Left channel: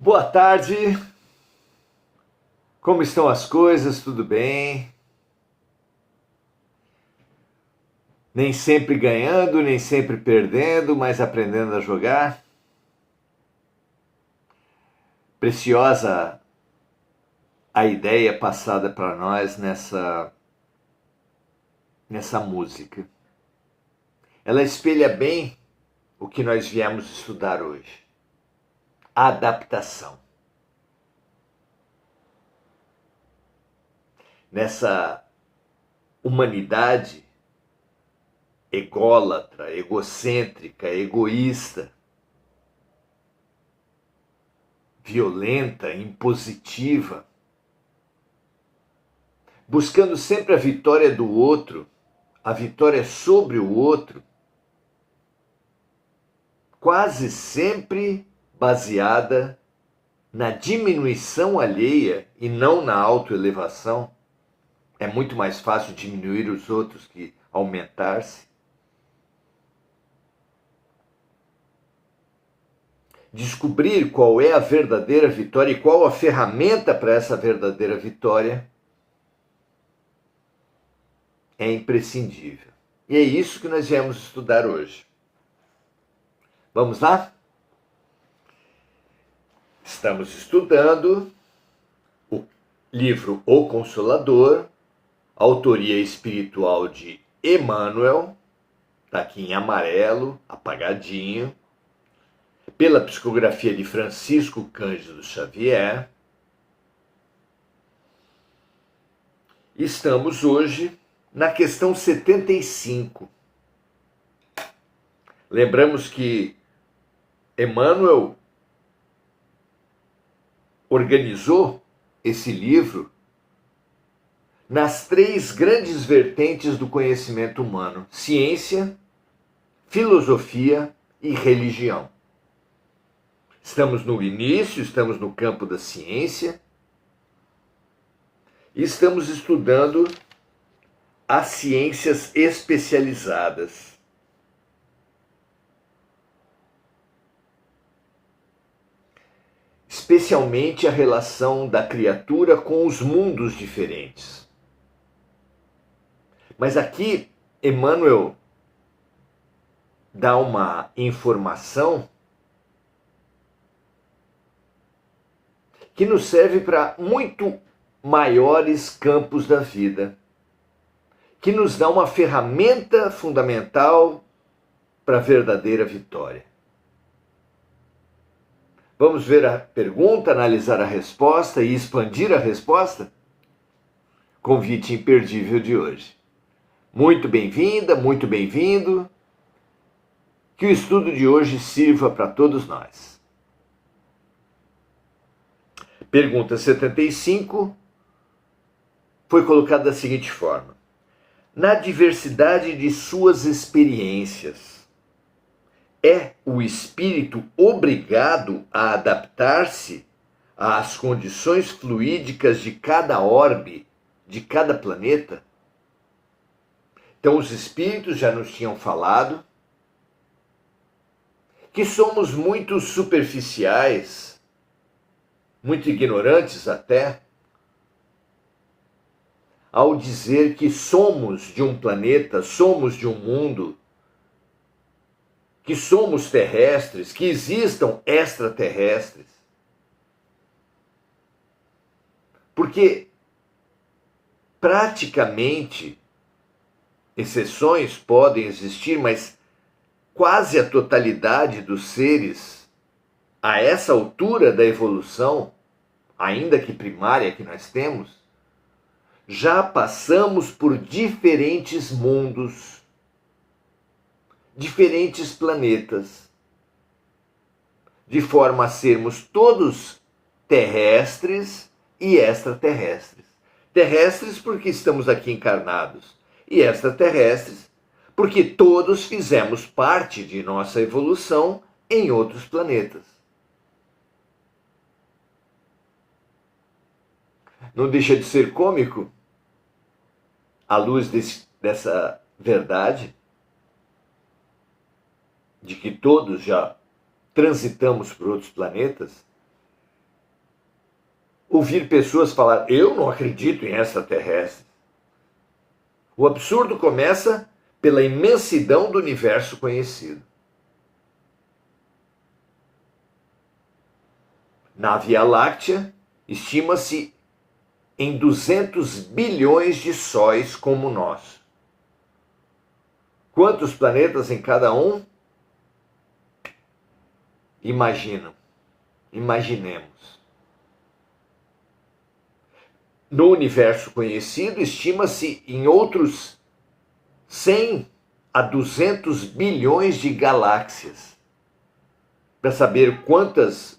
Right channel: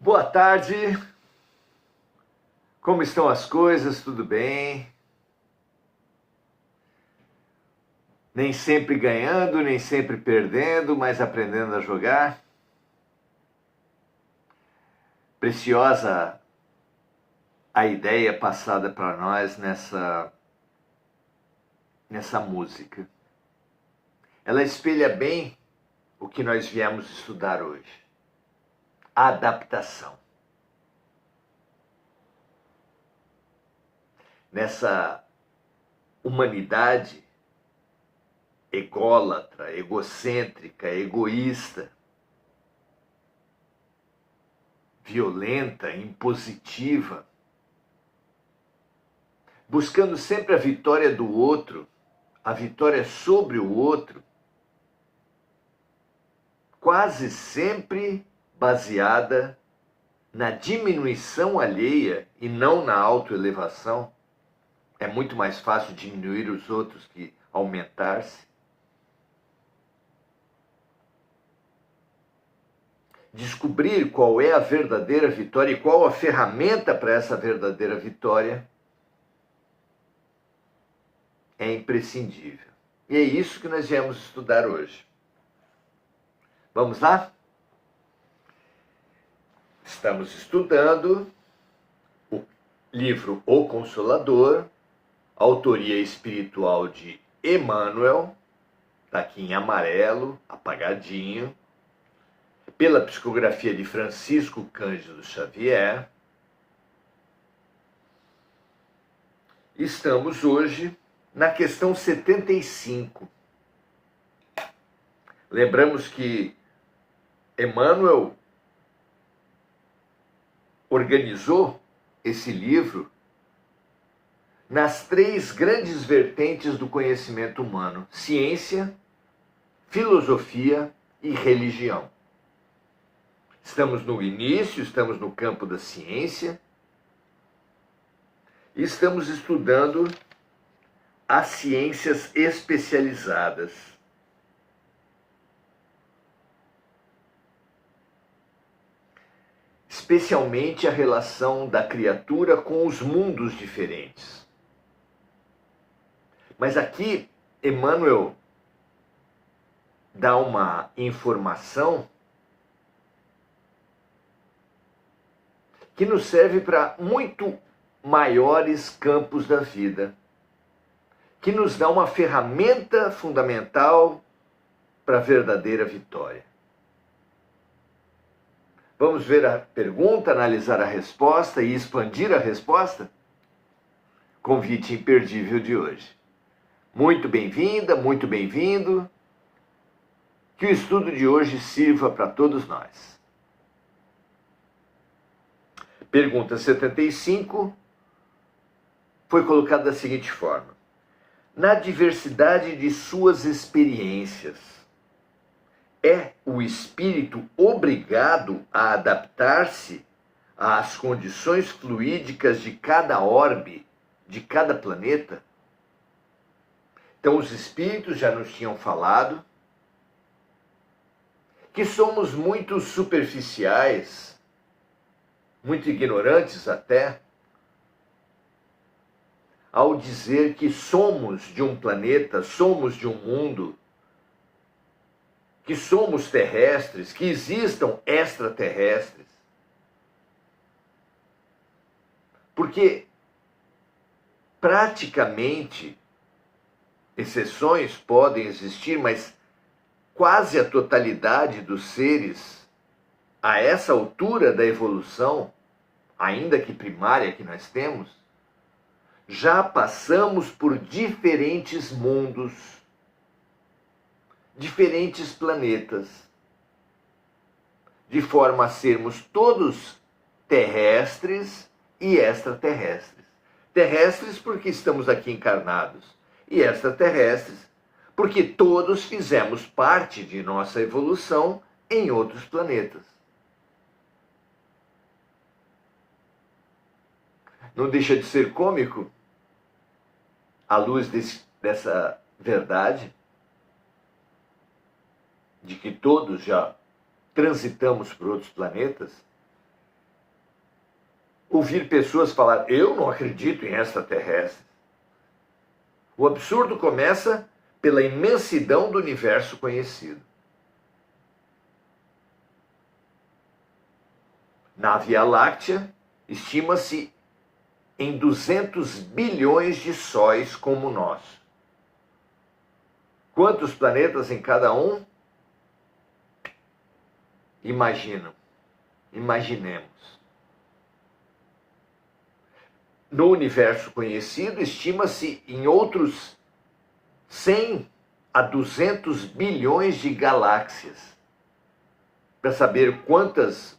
Boa tarde, como estão as coisas? Tudo bem? Nem sempre ganhando, nem sempre perdendo, mas aprendendo a jogar. Preciosa a ideia passada para nós nessa música. Ela espelha bem o que nós viemos estudar hoje: a adaptação. Nessa humanidade ególatra, egocêntrica, egoísta, violenta, impositiva, buscando sempre a vitória do outro, a vitória sobre o outro, quase sempre baseada na diminuição alheia e não na autoelevação. É muito mais fácil diminuir os outros que aumentar-se. Descobrir qual é a verdadeira vitória e qual a ferramenta para essa verdadeira vitória é imprescindível. E é isso que nós viemos estudar hoje. Vamos lá? Estamos estudando o livro O Consolador, autoria espiritual de Emmanuel, está aqui em amarelo, apagadinho, pela psicografia de Francisco Cândido Xavier. Estamos hoje na questão 75. Lembramos que Emmanuel organizou esse livro nas três grandes vertentes do conhecimento humano: ciência, filosofia e religião. Estamos no início, estamos no campo da ciência e estamos estudando as ciências especializadas. Especialmente a relação da criatura com os mundos diferentes. Mas aqui, Emmanuel dá uma informação que nos serve para muito maiores campos da vida, que nos dá uma ferramenta fundamental para a verdadeira vitória. Vamos ver a pergunta, analisar a resposta e expandir a resposta? Convite imperdível de hoje. Muito bem-vinda, muito bem-vindo. Que o estudo de hoje sirva para todos nós. Pergunta 75 foi colocada da seguinte forma: na diversidade de suas experiências, é o espírito obrigado a adaptar-se às condições fluídicas de cada orbe, de cada planeta? Então, os espíritos já nos tinham falado que somos muito superficiais, muito ignorantes até, ao dizer que somos de um planeta, somos de um mundo, que somos terrestres, que existam extraterrestres. Porque praticamente exceções podem existir, mas quase a totalidade dos seres, a essa altura da evolução, ainda que primária que nós temos, já passamos por diferentes mundos, diferentes planetas, de forma a sermos todos terrestres e extraterrestres. Terrestres porque estamos aqui encarnados, e extraterrestres porque todos fizemos parte de nossa evolução em outros planetas. Não deixa de ser cômico, à luz dessa verdade, de que todos já transitamos por outros planetas, ouvir pessoas falar, eu não acredito em extraterrestres. O absurdo começa pela imensidão do universo conhecido. Na Via Láctea, estima-se em 200 bilhões de sóis como nós. Quantos planetas em cada um? Imaginemos. No universo conhecido, estima-se em outros 100 a 200 bilhões de galáxias. Para saber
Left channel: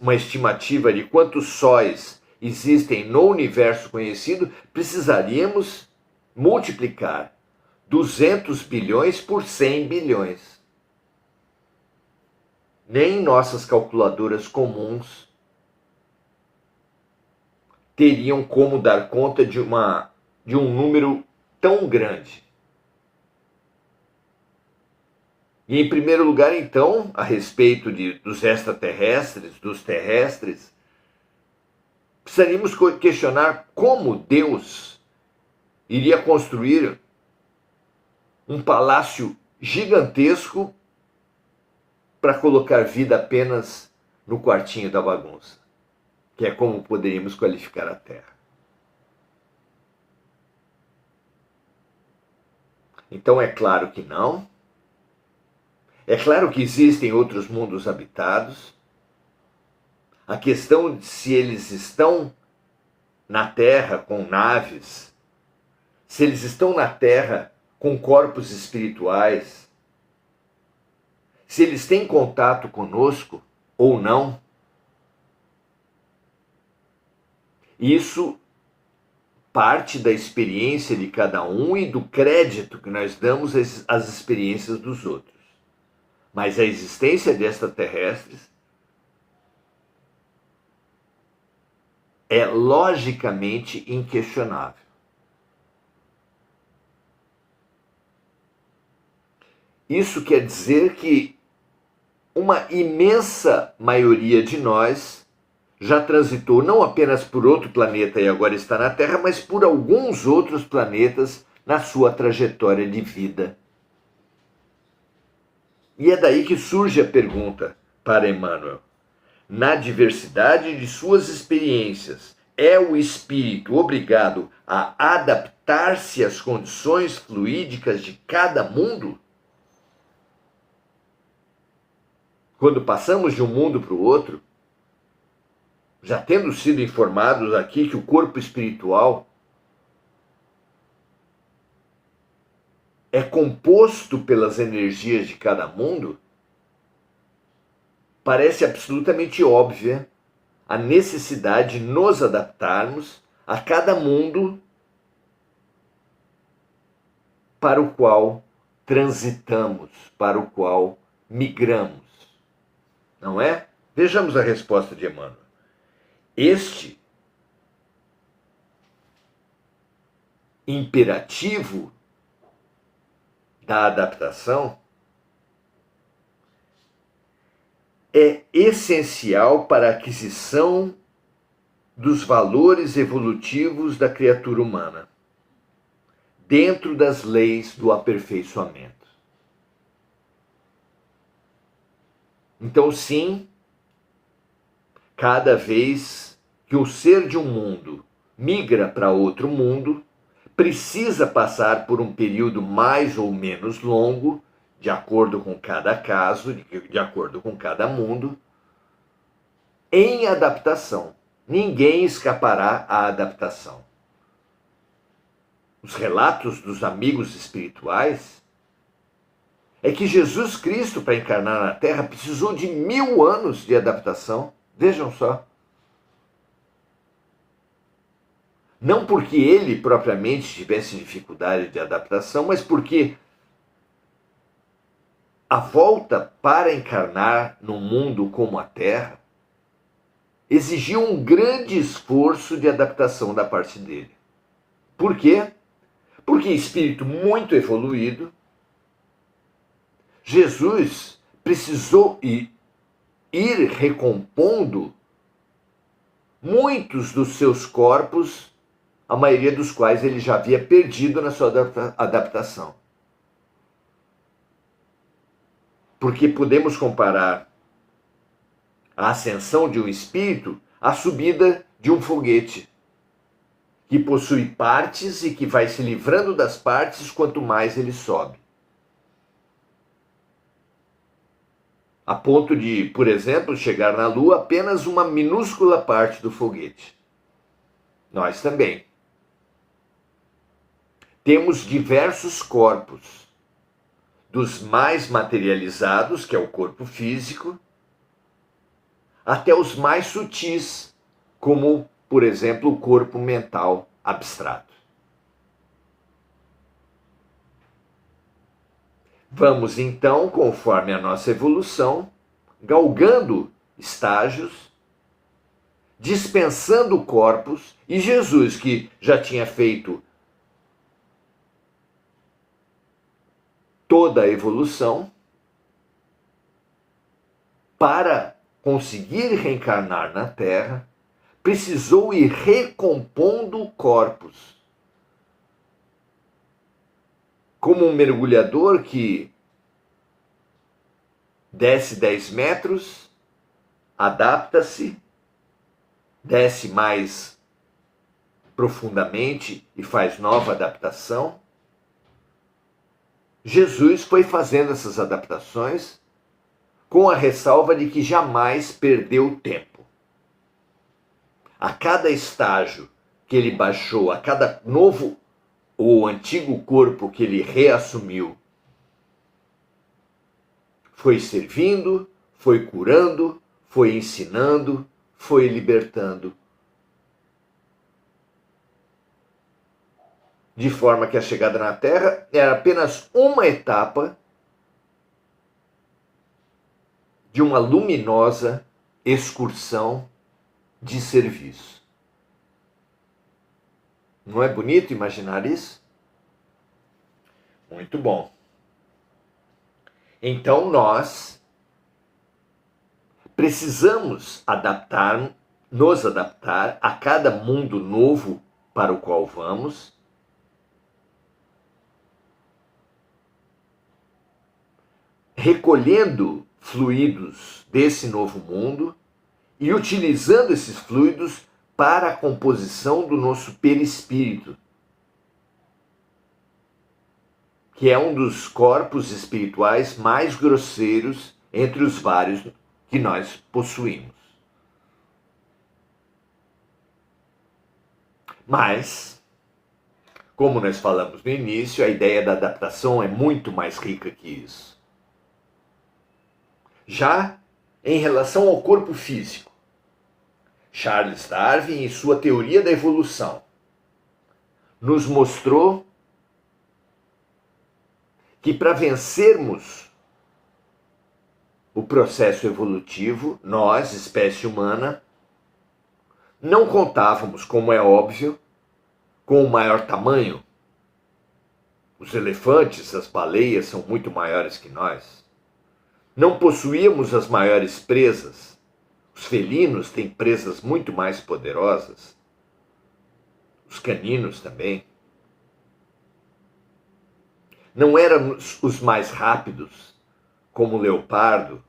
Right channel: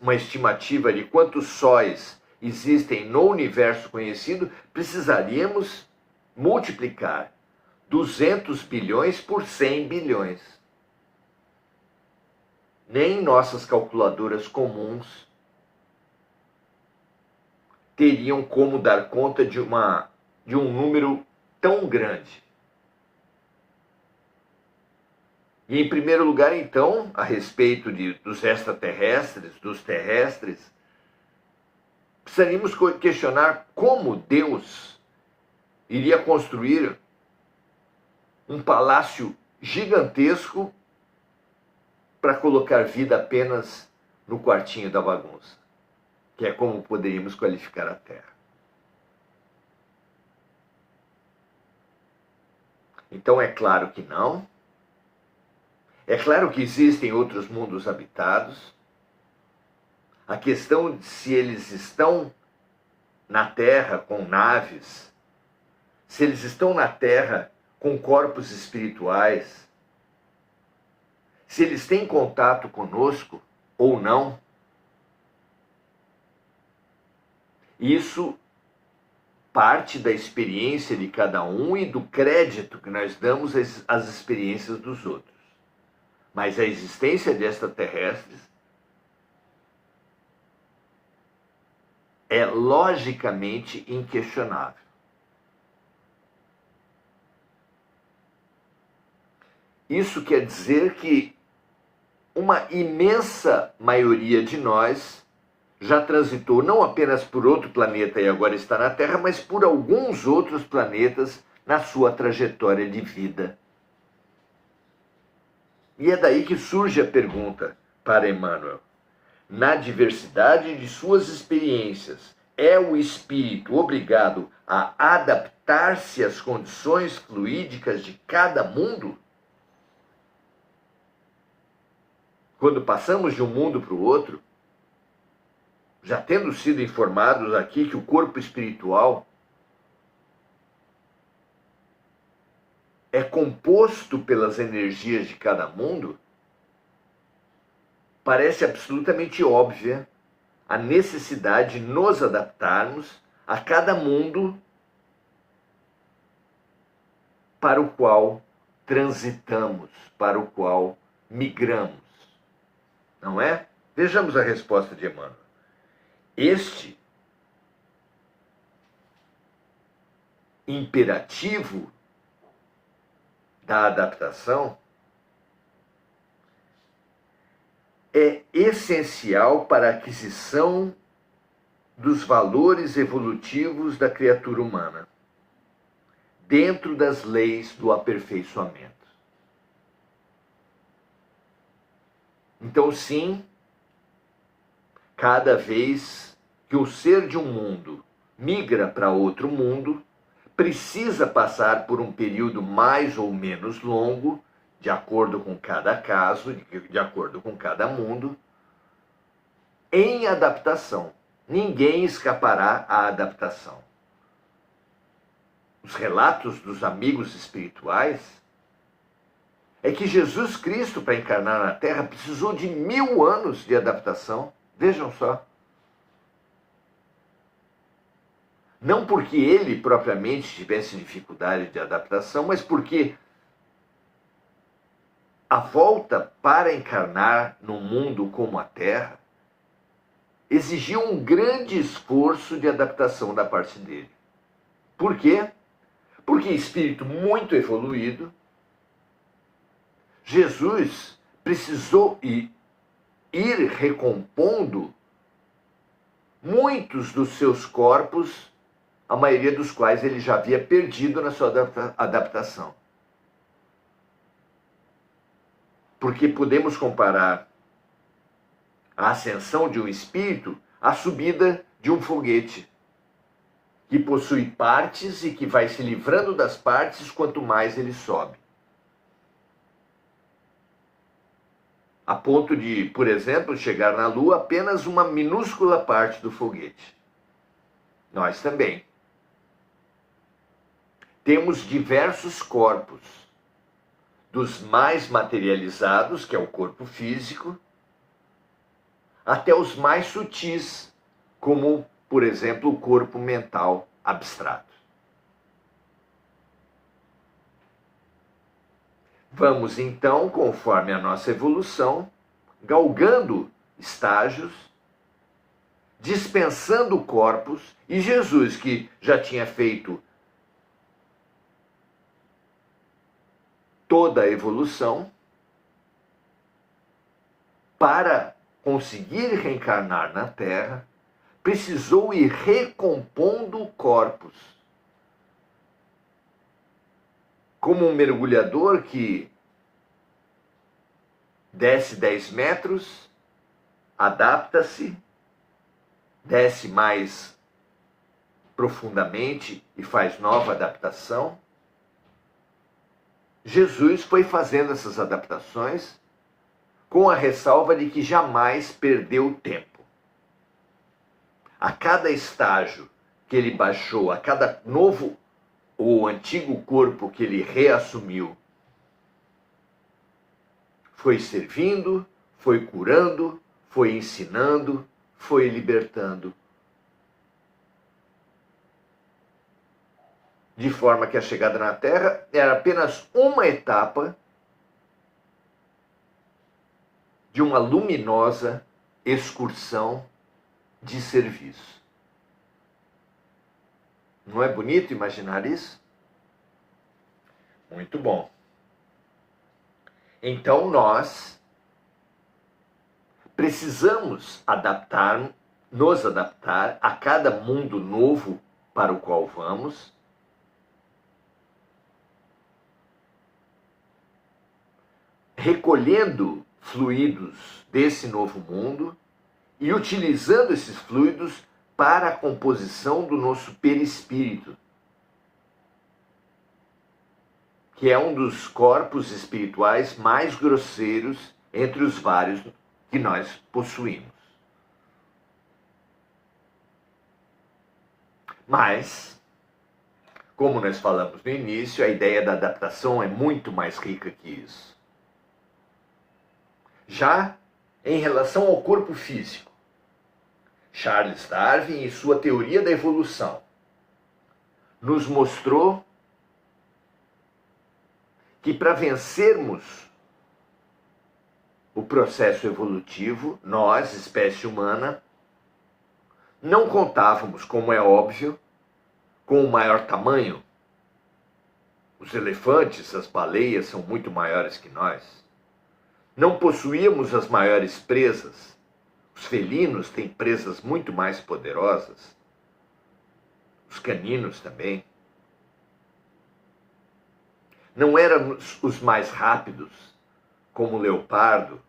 uma estimativa de quantos sóis existem no universo conhecido, precisaríamos multiplicar 200 bilhões por 100 bilhões. Nem nossas calculadoras comuns teriam como dar conta de um número tão grande. E, em primeiro lugar, então, a respeito dos extraterrestres, dos terrestres, precisaríamos questionar como Deus iria construir um palácio gigantesco para colocar vida apenas no quartinho da bagunça, que é como poderíamos qualificar a Terra. Então, é claro que não. É claro que existem outros mundos habitados. A questão de se eles estão na Terra com naves, se eles estão na Terra com corpos espirituais, se eles têm contato conosco ou não, isso parte da experiência de cada um e do crédito que nós damos às experiências dos outros. Mas a existência de extraterrestres é logicamente inquestionável. Isso quer dizer que uma imensa maioria de nós já transitou não apenas por outro planeta e agora está na Terra, mas por alguns outros planetas na sua trajetória de vida. E é daí que surge a pergunta para Emmanuel. Na diversidade de suas experiências, é o espírito obrigado a adaptar-se às condições fluídicas de cada mundo? Quando passamos de um mundo para o outro, já tendo sido informados aqui que o corpo espiritual é composto pelas energias de cada mundo, parece absolutamente óbvia a necessidade de nos adaptarmos a cada mundo para o qual transitamos, para o qual migramos. Não é? Vejamos a resposta de Emmanuel. Este imperativo da adaptação é essencial para a aquisição dos valores evolutivos da criatura humana, dentro das leis do aperfeiçoamento. Então, sim, cada vez que o ser de um mundo migra para outro mundo, precisa passar por um período mais ou menos longo, de acordo com cada caso, de acordo com cada mundo, em adaptação. Ninguém escapará à adaptação. Os relatos dos amigos espirituais é que Jesus Cristo, para encarnar na Terra, precisou de 1000 anos de adaptação. Vejam só. Não porque ele propriamente tivesse dificuldade de adaptação, mas porque a volta para encarnar num mundo como a Terra exigiu um grande esforço de adaptação da parte dele. Por quê? Porque, espírito muito evoluído, Jesus precisou ir recompondo muitos dos seus corpos, a maioria dos quais ele já havia perdido na sua adaptação. Porque podemos comparar a ascensão de um espírito à subida de um foguete, que possui partes e que vai se livrando das partes quanto mais ele sobe. A ponto de, por exemplo, chegar na Lua apenas uma minúscula parte do foguete. Nós também. Temos diversos corpos, dos mais materializados, que é o corpo físico, até os mais sutis, como, por exemplo, o corpo mental abstrato. Vamos então, conforme a nossa evolução, galgando estágios, dispensando corpos, e Jesus, que já tinha feito toda a evolução, para conseguir reencarnar na Terra, precisou ir recompondo corpos. Como um mergulhador que desce 10 metros, adapta-se, desce mais profundamente e faz nova adaptação. Jesus foi fazendo essas adaptações com a ressalva de que jamais perdeu tempo. A cada estágio que ele baixou, a cada novo ou antigo corpo que ele reassumiu, foi servindo, foi curando, foi ensinando, foi libertando. De forma que a chegada na Terra era apenas uma etapa de uma luminosa excursão de serviço. Não é bonito imaginar isso? Muito bom. Então nós precisamos nos adaptar a cada mundo novo para o qual vamos, recolhendo fluidos desse novo mundo e utilizando esses fluidos para a composição do nosso perispírito, que é um dos corpos espirituais mais grosseiros entre os vários que nós possuímos. Mas, como nós falamos no início, a ideia da adaptação é muito mais rica que isso. Já em relação ao corpo físico, Charles Darwin, em sua teoria da evolução, nos mostrou que para vencermos o processo evolutivo, nós, espécie humana, não contávamos, como é óbvio, com o maior tamanho. Os elefantes, as baleias são muito maiores que nós. Não possuíamos as maiores presas. Os felinos têm presas muito mais poderosas. Os caninos também. Não éramos os mais rápidos, como o leopardo,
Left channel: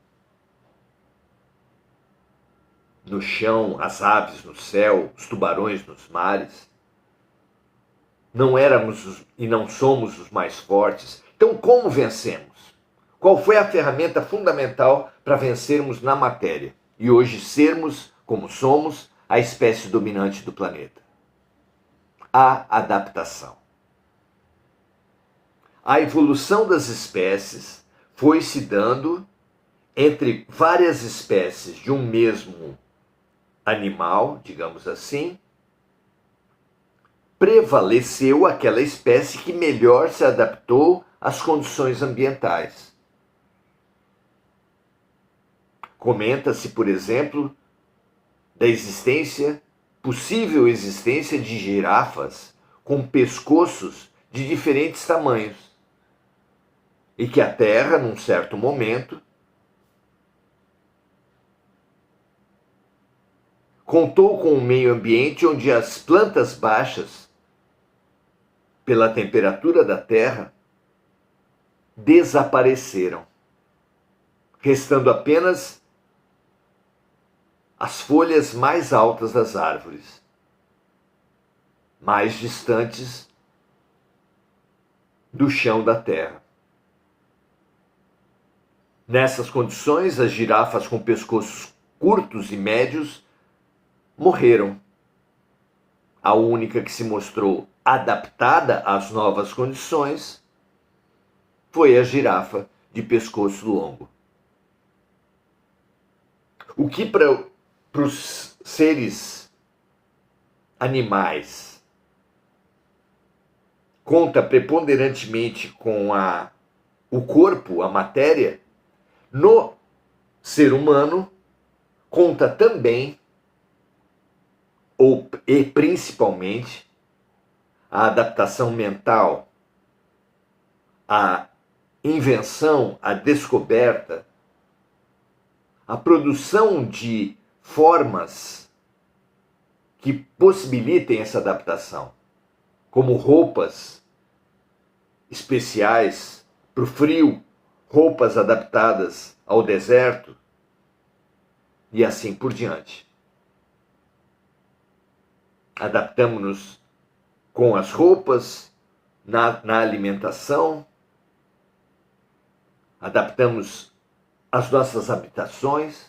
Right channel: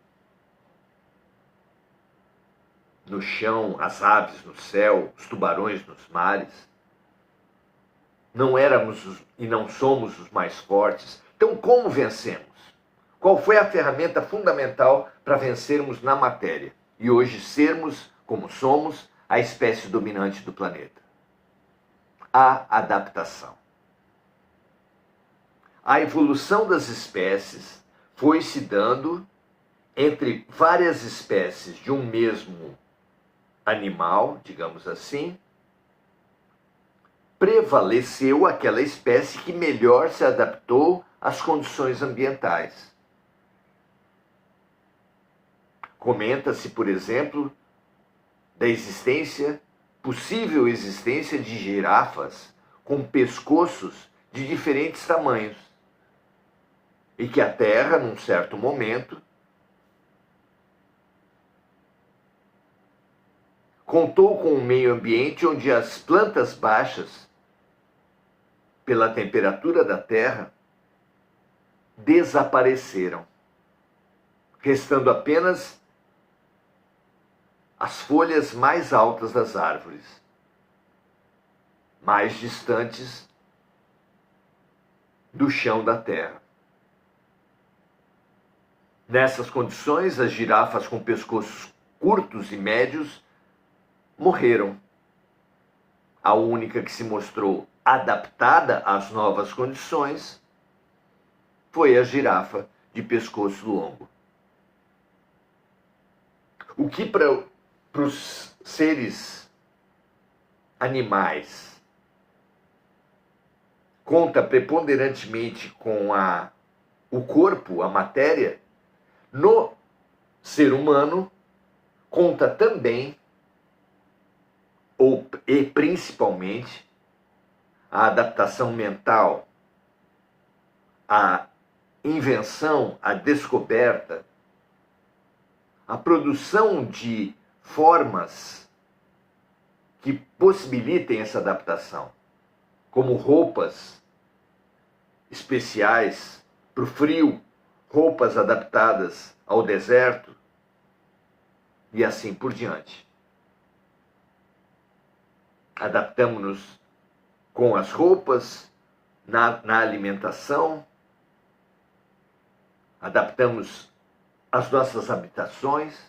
no chão, as aves no céu, os tubarões nos mares. Não éramos e não somos os mais fortes. Então, como vencemos? Qual foi a ferramenta fundamental para vencermos na matéria e hoje sermos, como somos, a espécie dominante do planeta? A adaptação. A evolução das espécies foi se dando entre várias espécies de um mesmo animal, digamos assim. Prevaleceu aquela espécie que melhor se adaptou às condições ambientais. Comenta-se, por exemplo, da possível existência de girafas com pescoços de diferentes tamanhos. E que a Terra, num certo momento, contou com um meio ambiente onde as plantas baixas, pela temperatura da terra, desapareceram, restando apenas as folhas mais altas das árvores, mais distantes do chão da terra. Nessas condições, as girafas com pescoços curtos e médios morreram. A única que se mostrou adaptada às novas condições foi a girafa de pescoço longo. O que para os seres animais conta preponderantemente com o corpo, a matéria, no ser humano conta também, e principalmente, a adaptação mental, a invenção, a descoberta, a produção de formas que possibilitem essa adaptação, como roupas especiais para o frio, roupas adaptadas ao deserto e assim por diante. Adaptamos-nos com as roupas, na alimentação, adaptamos as nossas habitações.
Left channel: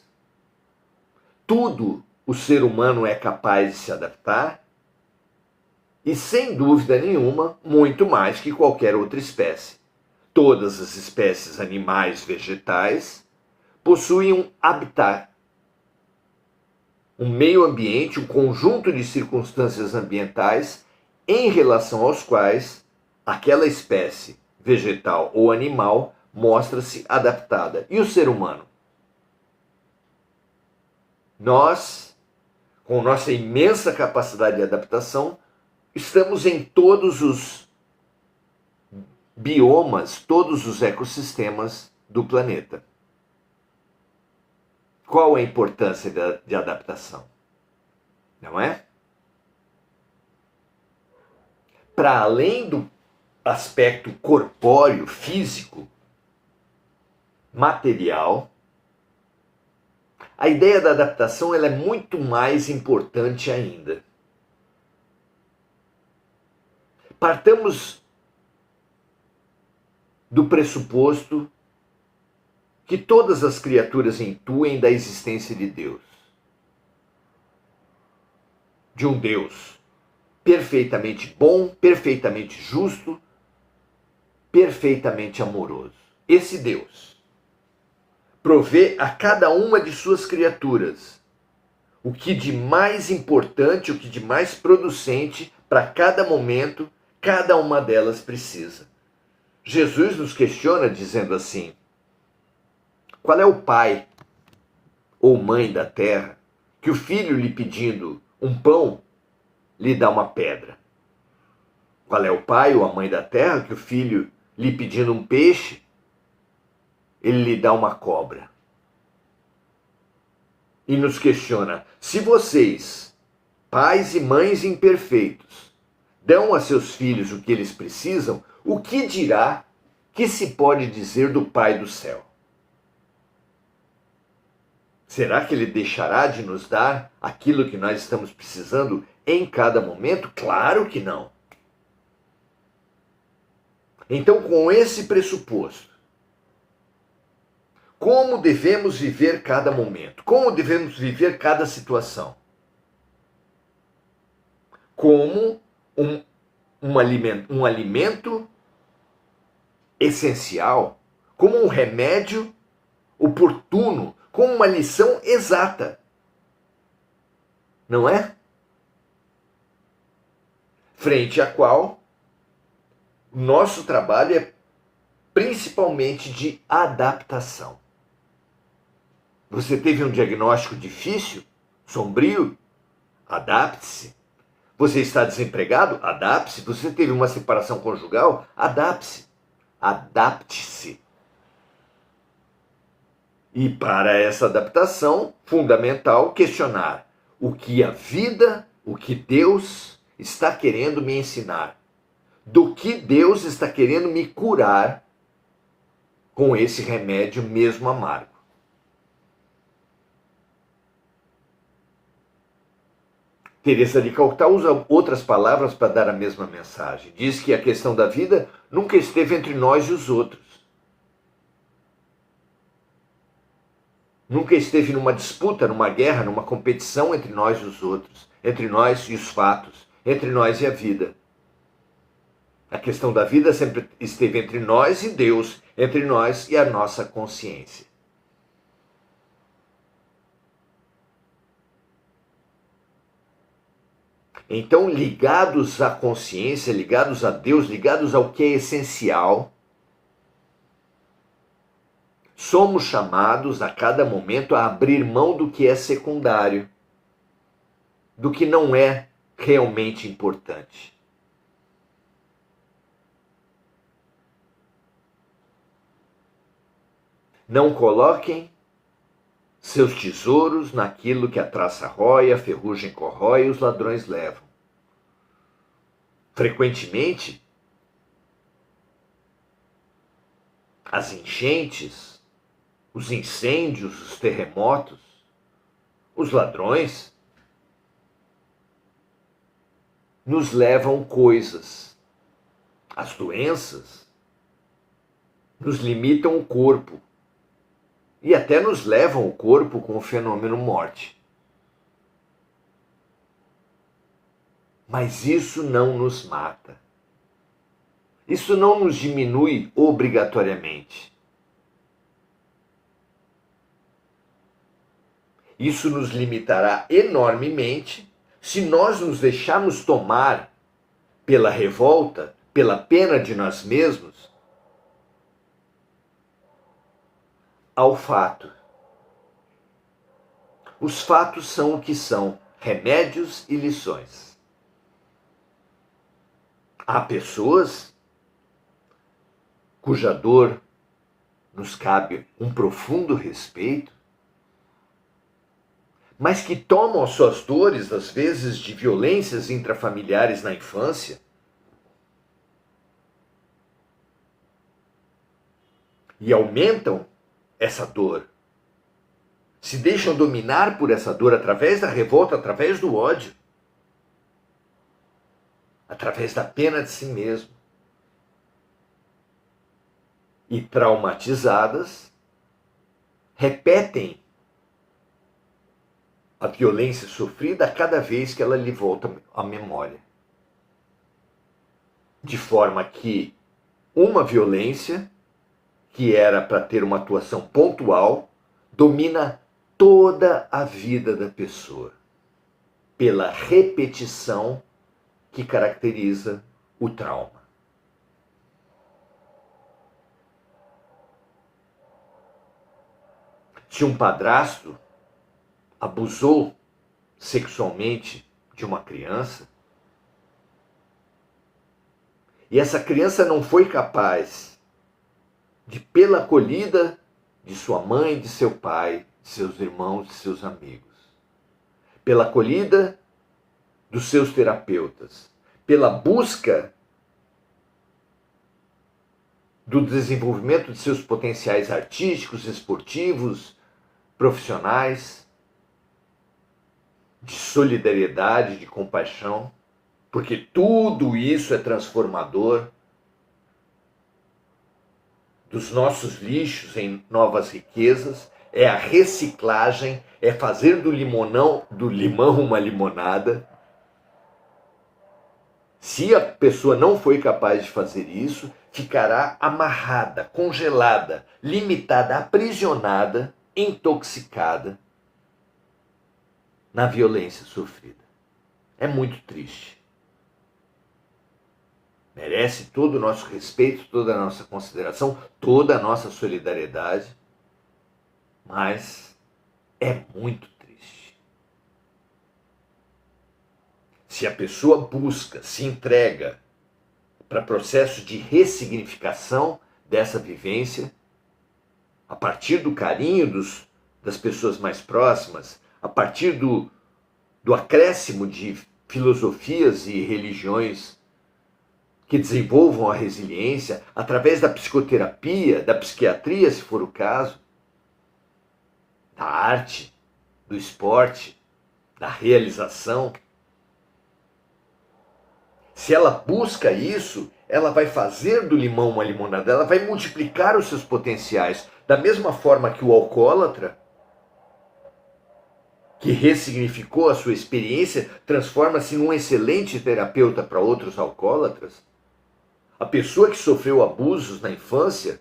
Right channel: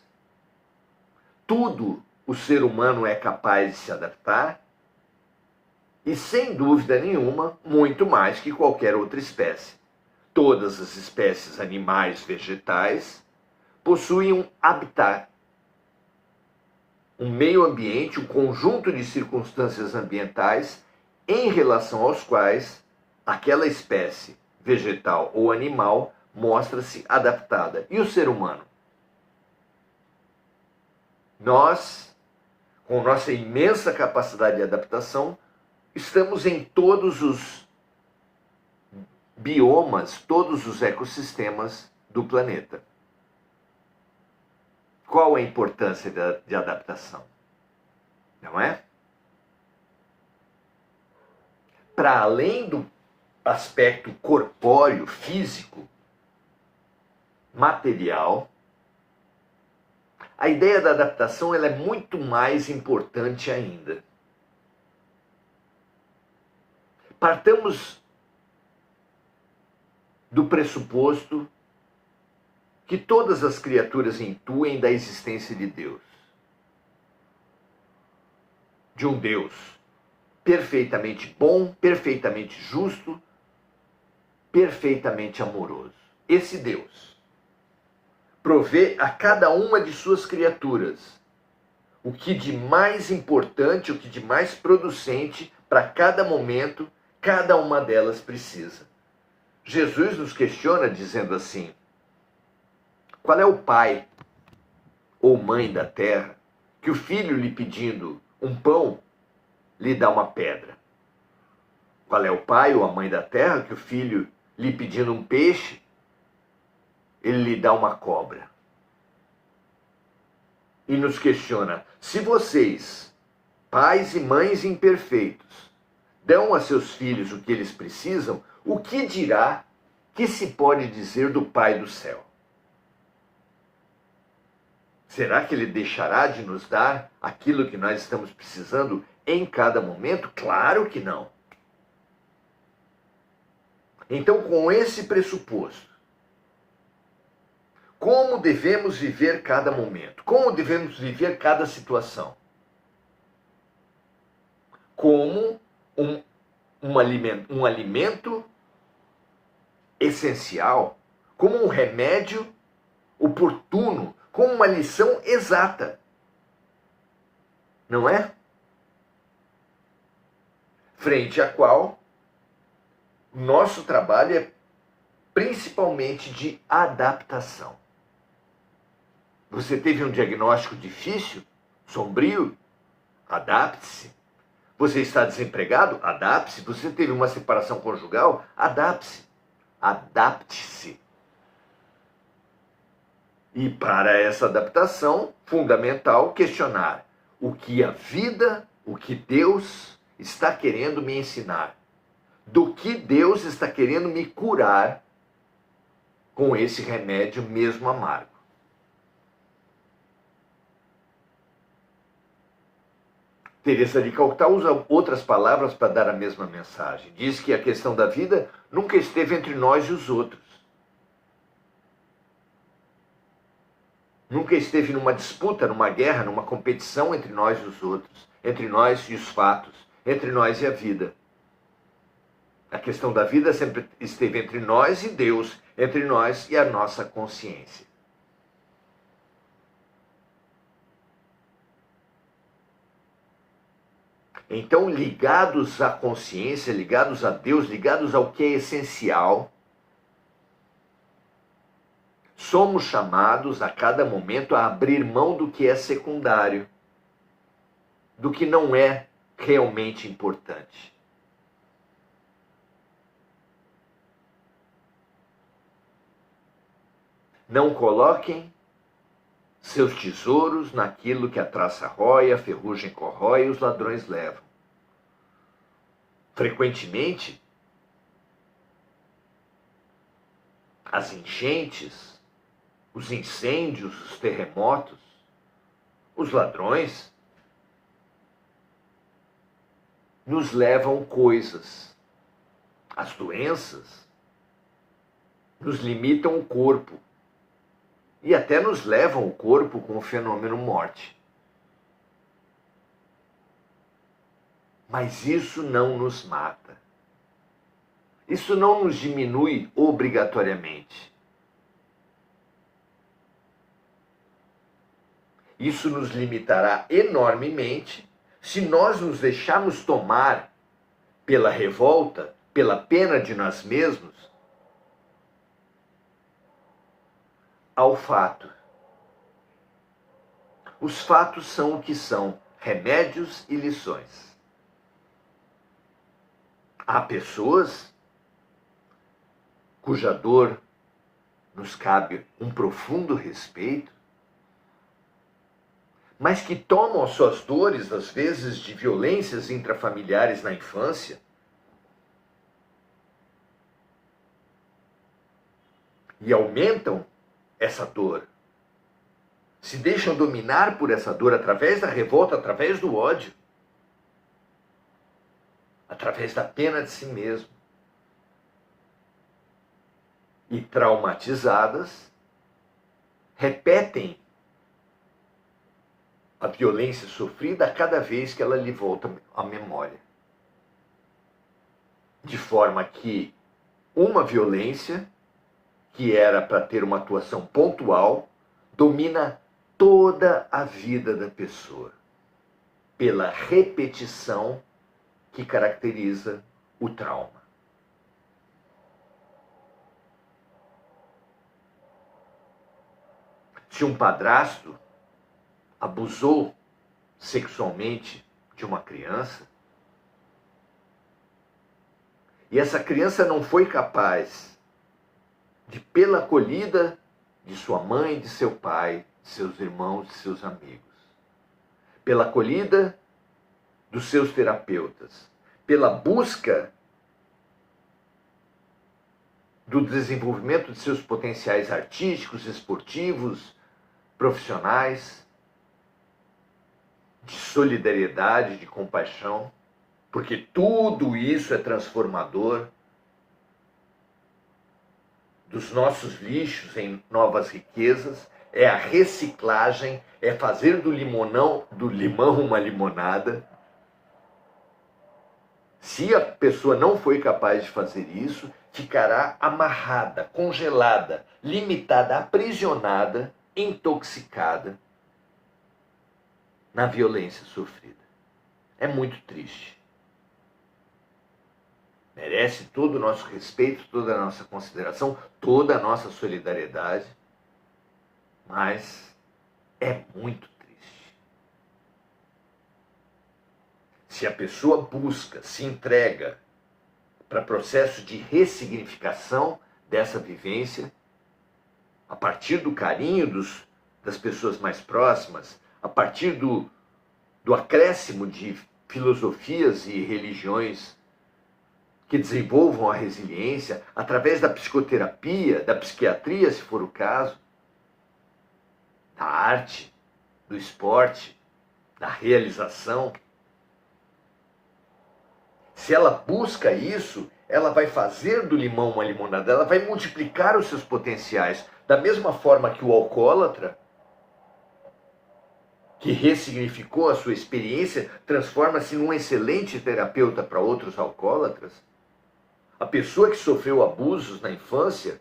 Tudo o ser humano é capaz de se adaptar e, sem dúvida nenhuma, muito mais que qualquer outra espécie. Todas as espécies animais, vegetais, possuem um habitat, um meio ambiente, um conjunto de circunstâncias ambientais em relação aos quais aquela espécie vegetal ou animal mostra-se adaptada. E o ser humano? Nós, com nossa imensa capacidade de adaptação, estamos em todos os biomas, todos os ecossistemas do planeta. Qual a importância de adaptação? Não é? Para além do aspecto corpóreo, físico, material, a ideia da adaptação ela é muito mais importante ainda. Partamos do pressuposto que todas as criaturas intuem da existência de Deus. De um Deus perfeitamente bom, perfeitamente justo, perfeitamente amoroso. Esse Deus provê a cada uma de suas criaturas o que de mais importante, o que de mais producente para cada momento, cada uma delas precisa. Jesus nos questiona dizendo assim: qual é o pai ou mãe da terra que o filho lhe pedindo um pão lhe dá uma pedra? Qual é o pai ou a mãe da terra que o filho lhe pedindo um peixe ele lhe dá uma cobra? E nos questiona: se vocês, pais e mães imperfeitos, dão a seus filhos o que eles precisam, o que dirá que se pode dizer do Pai do céu? Será que ele deixará de nos dar aquilo que nós estamos precisando em cada momento? Claro que não. Então, com esse pressuposto, como devemos viver cada momento? Como devemos viver cada situação? Como um alimento essencial, como um remédio oportuno, como uma lição exata. Não é? Frente à qual o nosso trabalho é principalmente de adaptação. Você teve um diagnóstico difícil, sombrio? Adapte-se. Você está desempregado? Adapte-se. Você teve uma separação conjugal? Adapte-se. Adapte-se. E para essa adaptação, fundamental questionar: o que a vida, o que Deus está querendo me ensinar, do que Deus está querendo me curar com esse remédio mesmo amargo. Teresa de Calcutá usa outras palavras para dar a mesma mensagem. Diz que a questão da vida nunca esteve entre nós e os outros. Nunca esteve numa disputa, numa guerra, numa competição entre nós e os outros, entre nós e os fatos, entre nós e a vida. A questão da vida sempre esteve entre nós e Deus, entre nós e a nossa consciência. Então, ligados à consciência, ligados a Deus, ligados ao que é essencial, somos chamados a cada momento a abrir mão do que é secundário, do que não é realmente importante. Não coloquem seus tesouros naquilo que a traça rói, a ferrugem corrói e os ladrões levam. Frequentemente, as enchentes, os incêndios, os terremotos, os ladrões nos levam coisas. As doenças nos limitam o corpo e até nos levam o corpo com o fenômeno morte. Mas isso não nos mata. Isso não nos diminui obrigatoriamente. Isso nos limitará enormemente se nós nos deixarmos tomar pela revolta, pela pena de nós mesmos, ao fato. Os fatos são o que são, remédios e lições. Há pessoas cuja dor nos cabe um profundo respeito, mas que tomam as suas dores, às vezes, de violências intrafamiliares na infância, e aumentam essa dor, se deixam dominar por essa dor através da revolta, através do ódio, através da pena de si mesmo. E traumatizadas, repetem a violência sofrida a cada vez que ela lhe volta à memória. De forma que uma violência, que era para ter uma atuação pontual, domina toda a vida da pessoa, pela repetição que caracteriza o trauma. Se um padrasto abusou sexualmente de uma criança, e essa criança não foi capaz de, pela acolhida de sua mãe, de seu pai, de seus irmãos, de seus amigos, pela acolhida dos seus terapeutas, pela busca do desenvolvimento de seus potenciais artísticos, esportivos, profissionais, de solidariedade, de compaixão, porque tudo isso é transformador, dos nossos lixos em novas riquezas, é a reciclagem, é fazer do limão uma limonada. Se a pessoa não foi capaz de fazer isso, ficará amarrada, congelada, limitada, aprisionada, intoxicada na violência sofrida. É muito triste. Merece todo o nosso respeito, toda a nossa consideração, toda a nossa solidariedade, mas é muito triste. Se a pessoa busca, se entrega para processo de ressignificação dessa vivência, a partir do carinho das pessoas mais próximas, a partir do acréscimo de filosofias e religiões que desenvolvam a resiliência através da psicoterapia, da psiquiatria, se for o caso, da arte, do esporte, da realização. Se ela busca isso, ela vai fazer do limão uma limonada, ela vai multiplicar os seus potenciais. Da mesma forma que o alcoólatra, que ressignificou a sua experiência, transforma-se num excelente terapeuta para outros alcoólatras. A pessoa que sofreu abusos na infância,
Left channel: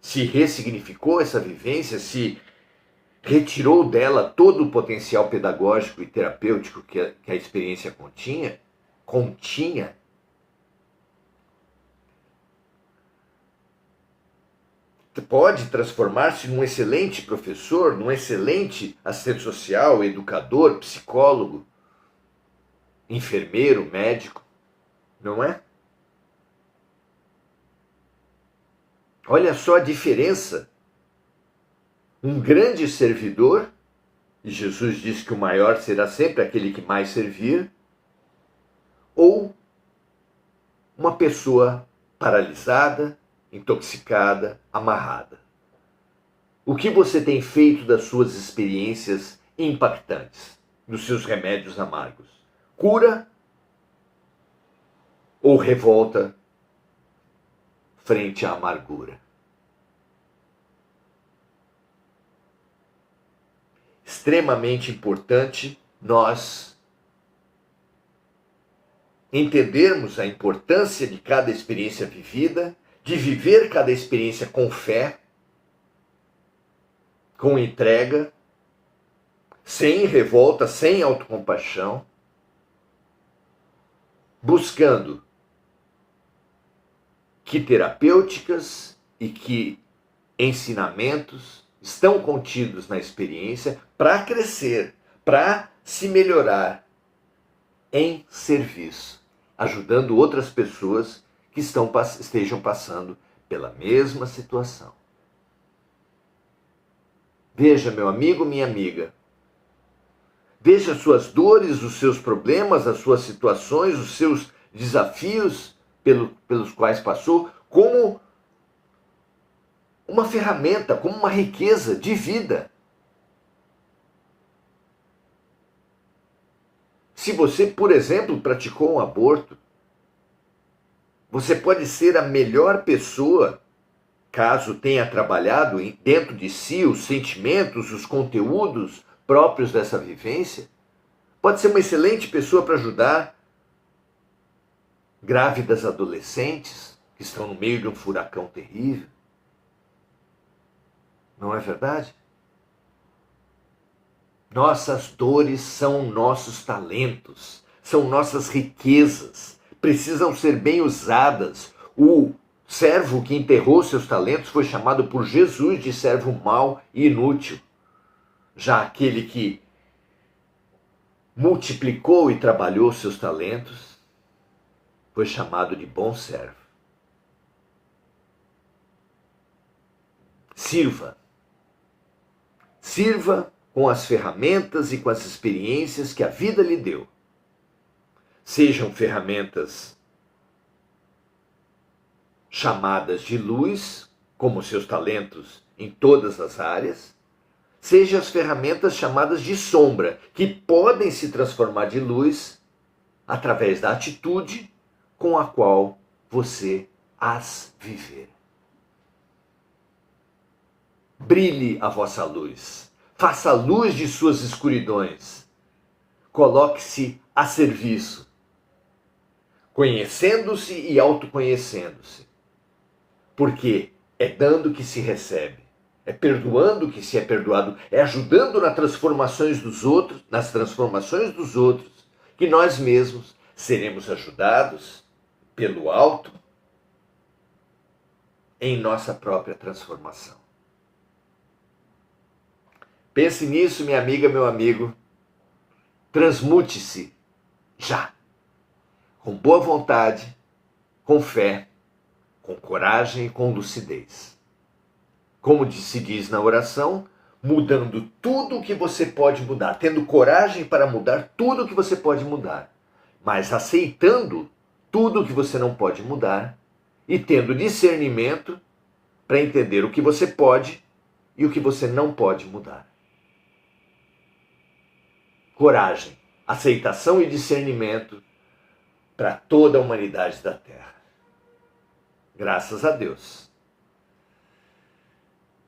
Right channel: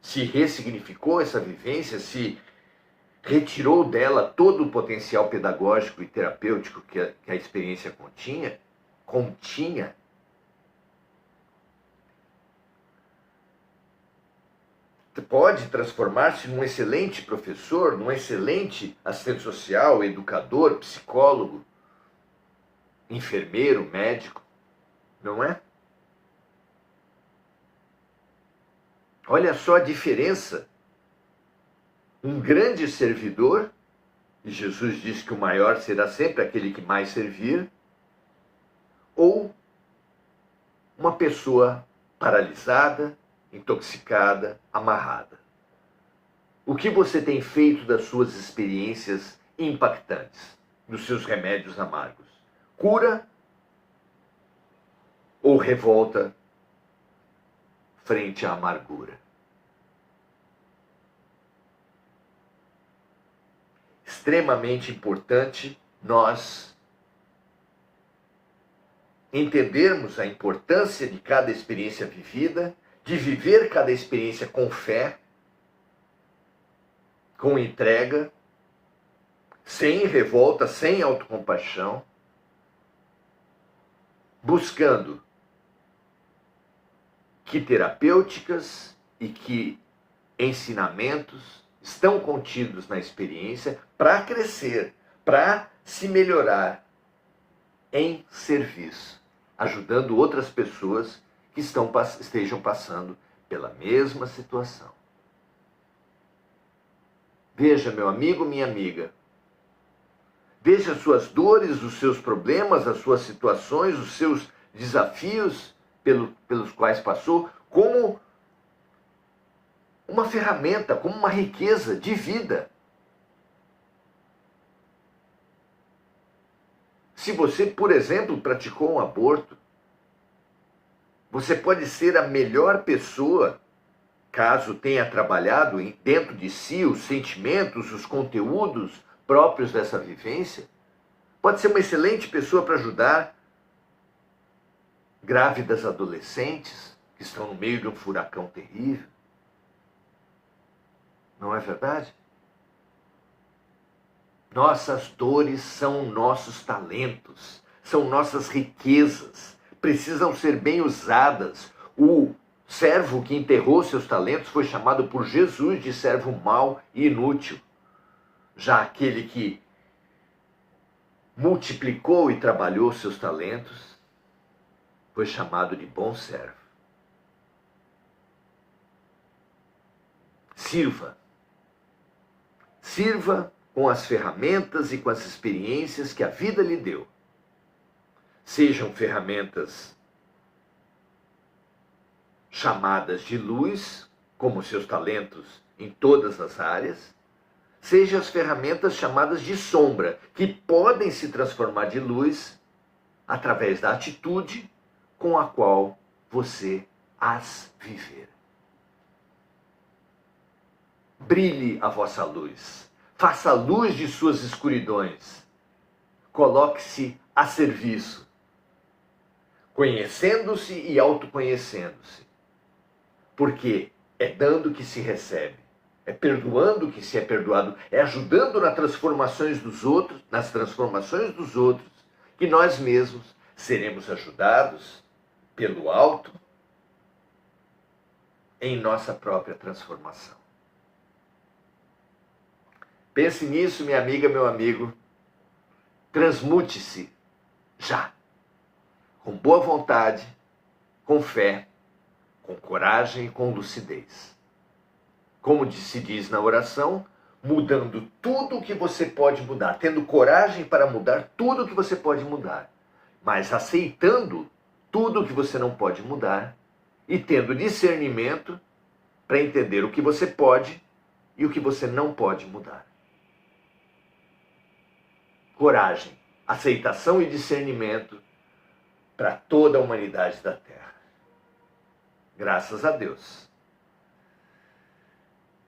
se ressignificou essa vivência, se retirou dela todo o potencial pedagógico e terapêutico que a experiência continha, pode transformar-se num excelente professor, num excelente assistente social, educador, psicólogo, enfermeiro, médico, não é? Olha só a diferença. Um grande servidor, e Jesus diz que o maior será sempre aquele que mais servir, ou uma pessoa paralisada, intoxicada, amarrada. O que você tem feito das suas experiências impactantes, dos seus remédios amargos? Cura ou revolta frente à amargura? Extremamente importante nós entendermos a importância de cada experiência vivida, de viver cada experiência com fé, com entrega, sem revolta, sem autocompaixão, buscando que terapêuticas e que ensinamentos estão contidos na experiência para crescer, para se melhorar em serviço, ajudando outras pessoas que estejam passando pela mesma situação. Veja, meu amigo, minha amiga, veja as suas dores, os seus problemas, as suas situações, os seus desafios pelos quais passou, como uma ferramenta, como uma riqueza de vida. Se você, por exemplo, praticou um aborto, você pode ser a melhor pessoa, caso tenha trabalhado dentro de si os sentimentos, os conteúdos próprios dessa vivência. Pode ser uma excelente pessoa para ajudar grávidas adolescentes que estão no meio de um furacão terrível. Não é verdade? Nossas dores são nossos talentos, são nossas riquezas, precisam ser bem usadas. O servo que enterrou seus talentos foi chamado por Jesus de servo mau e inútil. Já aquele que multiplicou e trabalhou seus talentos foi chamado de bom servo. Sirva com as ferramentas e com as experiências que a vida lhe deu. Sejam ferramentas chamadas de luz, como seus talentos em todas as áreas, sejam as ferramentas chamadas de sombra, que podem se transformar de luz através da atitude com a qual você as viver. Brilhe a vossa luz. Faça a luz de suas escuridões. Coloque-se a serviço, conhecendo-se e autoconhecendo-se. Porque é dando que se recebe, é perdoando que se é perdoado, é ajudando nas transformações dos outros, que nós mesmos seremos ajudados pelo alto em nossa própria transformação. Pense nisso, minha amiga, meu amigo. Transmute-se já, com boa vontade, com fé, com coragem e com lucidez. Como se diz na oração, mudando tudo o que você pode mudar, tendo coragem para mudar tudo o que você pode mudar, mas aceitando tudo o que você não pode mudar e tendo discernimento para entender o que você pode e o que você não pode mudar. Coragem, aceitação e discernimento para toda a humanidade da Terra. Graças a Deus.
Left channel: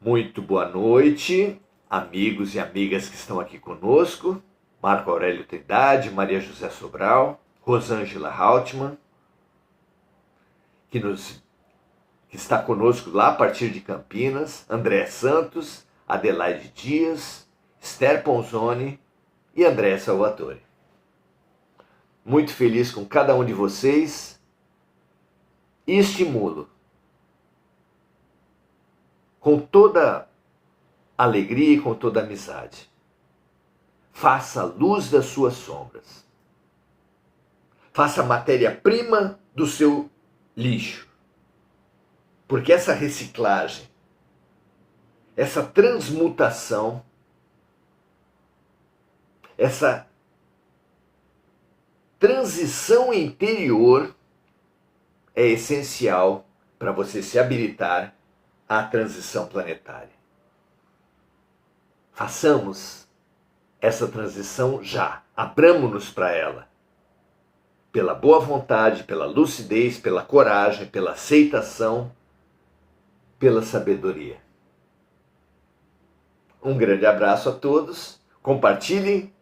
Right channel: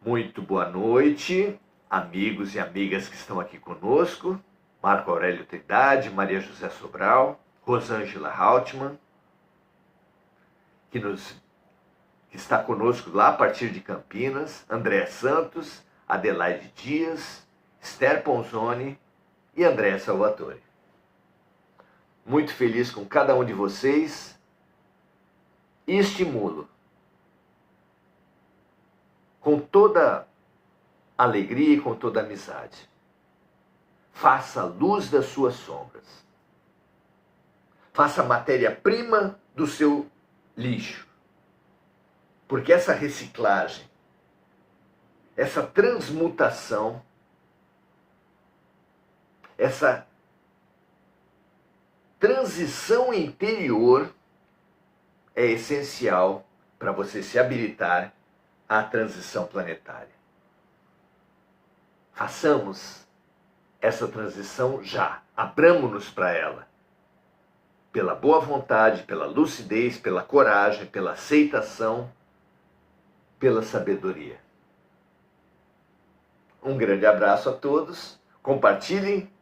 Muito boa noite, amigos e amigas que estão aqui conosco. Marco Aurélio Trindade, Maria José Sobral, Rosângela Hautmann, que está conosco lá a partir de Campinas, André Santos, Adelaide Dias, Esther Ponzoni e André Salvatore. Muito feliz com cada um de vocês e estimulo com toda alegria e com toda amizade. Faça a luz das suas sombras. Faça a matéria-prima do seu lixo. Porque essa reciclagem, essa transmutação, essa transição interior é essencial para você se habilitar à transição planetária. Façamos essa transição já, abramo-nos para ela, pela boa vontade, pela lucidez, pela coragem, pela aceitação, pela sabedoria. Um grande abraço a todos, compartilhem